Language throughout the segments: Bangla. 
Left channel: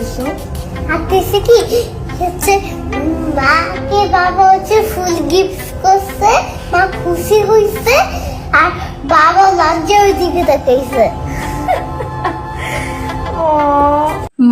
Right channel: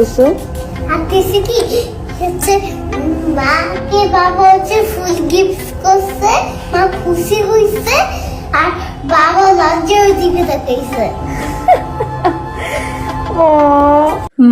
করতেছো? ভাবতেছি কি হচ্ছে মাকে বাবা হচ্ছে ফুল গিফট করছে, মা খুশি হইছে আর বাবা লজ্জা ওই দিকে তাকাইছে।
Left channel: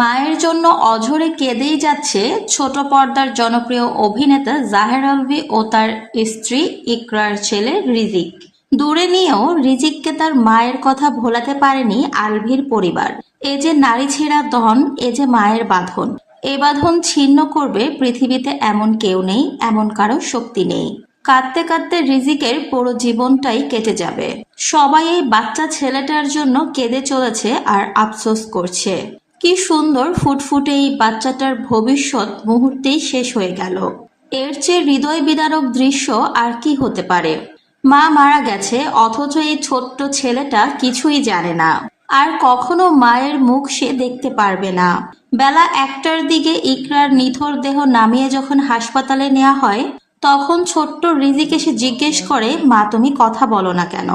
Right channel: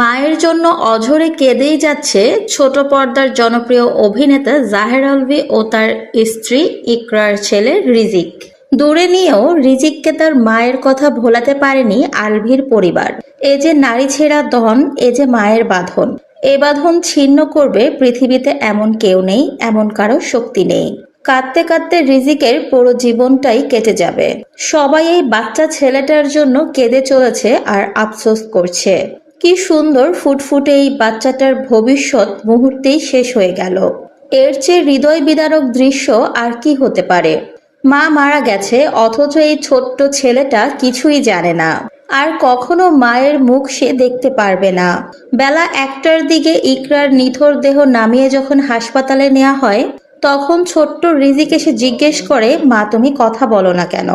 মায়ের জন্য অঝরে কেঁদেই যাচ্ছে ছোট পর্দার জনপ্রিয় অভিনেতা জাহের আলভী ও তার স্ত্রী ইকরার ছেলে রিজিক। দূরে নিয়েও রিজিককে তার মায়ের কথা ভোলাতে পারেনি আলভীর পরিবার। এ যে নারী ছেঁড়া ধন, এ যে মায়ের বাঁধন। এ বাঁধন ছিন্ন করবে পৃথিবীতে এমন কেউ নেই, এমন কারো শক্তি নেই। কাঁদতে কাঁদতে রিজিকের পুরো জীবনটাই কেটে যাবে। সবাই এই বাচ্চা ছেলেটার জন্য কেঁদে চলেছে আর আফসোস করছে। কি সুন্দর ফুটফুটে এই বাচ্চাটার ভবিষ্যৎ মুহূর্তেই শেষ হয়ে গেল। এর চেয়ে হৃদয় বিদারক দৃশ্য আর কি হতে পারে। মা মারা গেছে, অথচ এই ছোট্ট ছেলেটা কিছুই জানে না। আর কখনো মায়ের মুখ সে দেখতে পারবে না। বেলা 1টার দিকে ইকরার নিথর দেহ নামিয়ে যখন হাসপাতালে নেওয়া হয়, তখন ছোট্ট রিজিক এসে জিজ্ঞেস করে, মা তুমি কথা বলো না কেন,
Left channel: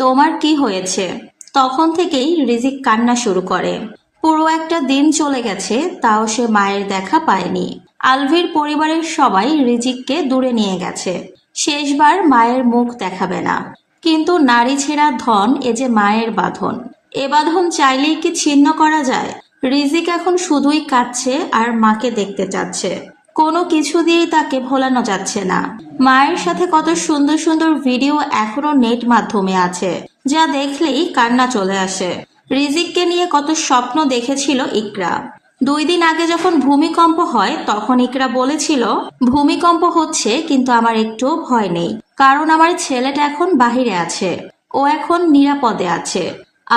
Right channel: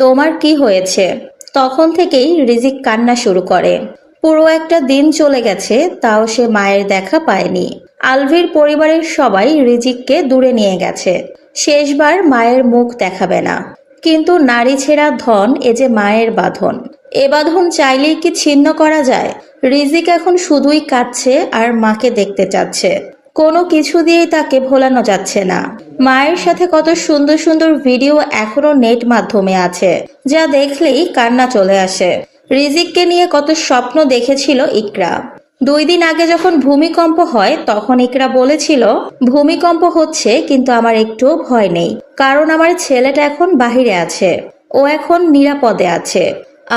তোমার কি হয়েছে? তখন থেকেই রিজিক কান্না শুরু করে। পুরো একটা দিন চলে গেছে, তাও সে মায়ের দেখা পায়নি। আলভীর পরিবারের সবাই রিজিককে দূরে নিয়ে গেছে, শেষবার মায়ের মুখ দেখাবে না। কিন্তু নারী ছেঁড়া ধন, এ যে মায়ের বাঁধন। এ বাঁধন চাইলেই কি ছিন্ন করা যায়? রিজিক এখন শুধুই কাঁদছে আর মাকে দেখতে চাচ্ছে। কোনো কিছু দিয়েই তাকে ভোলানো যাচ্ছে না। মায়ের সাথে কত সুন্দর সুন্দর ভিডিও এখনো নেট মাধ্যমে আছে, যা দেখলেই কান্না চলে আসে। রিজিককে নিয়ে কত স্বপ্ন দেখেছিল ইকরা। 2 দিন আগে যখন ভূমিকম্প হয়, তখন ইকরা বলেছিল, ভূমিকম্প হচ্ছে কিন্তু আমার একটুও ভয় নেই, কারণ আমার ছেলেটা এখন বাহিরে আছে, ও এখন নিরাপদে আছে।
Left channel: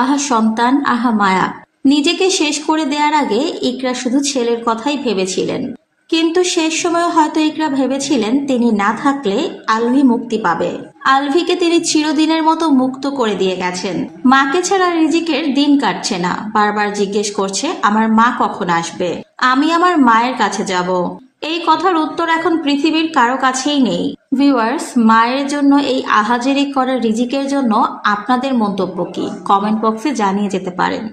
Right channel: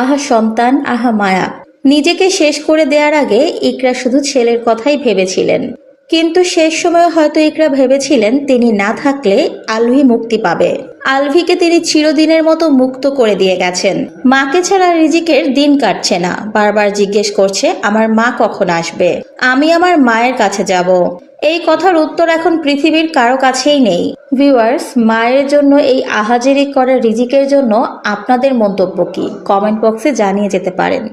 আহা সন্তান, আহা মায়া। নিজেকে শেষ করে দেওয়ার আগে ইকরা শুধু ছেলের কথাই ভেবেছিলেন। কিন্তু শেষ সময় হয়তো ইকরা ভেবেছিলেন তিনি না থাকলে আলভী মুক্তি পাবে। আলভীকে তিনি চিরদিনের মতো মুক্ত করে দিয়ে গেছেন। মাকে ছাড়া রিজিকের দিন কাটছে না। বারবার জিজ্ঞেস করছে, আমার মা কখন আসবে, আমি আমার মায়ের কাছে যাব। এই কথার উত্তর এখন পৃথিবীর কারো কাছেই নেই। ভিউয়ার্স, মায়ের জন্য এই আহাজারি করা রিজিকের জন্য আপনাদের মন্তব্য কি? কমেন্ট বক্সে জানিয়ে যেতে পারেন।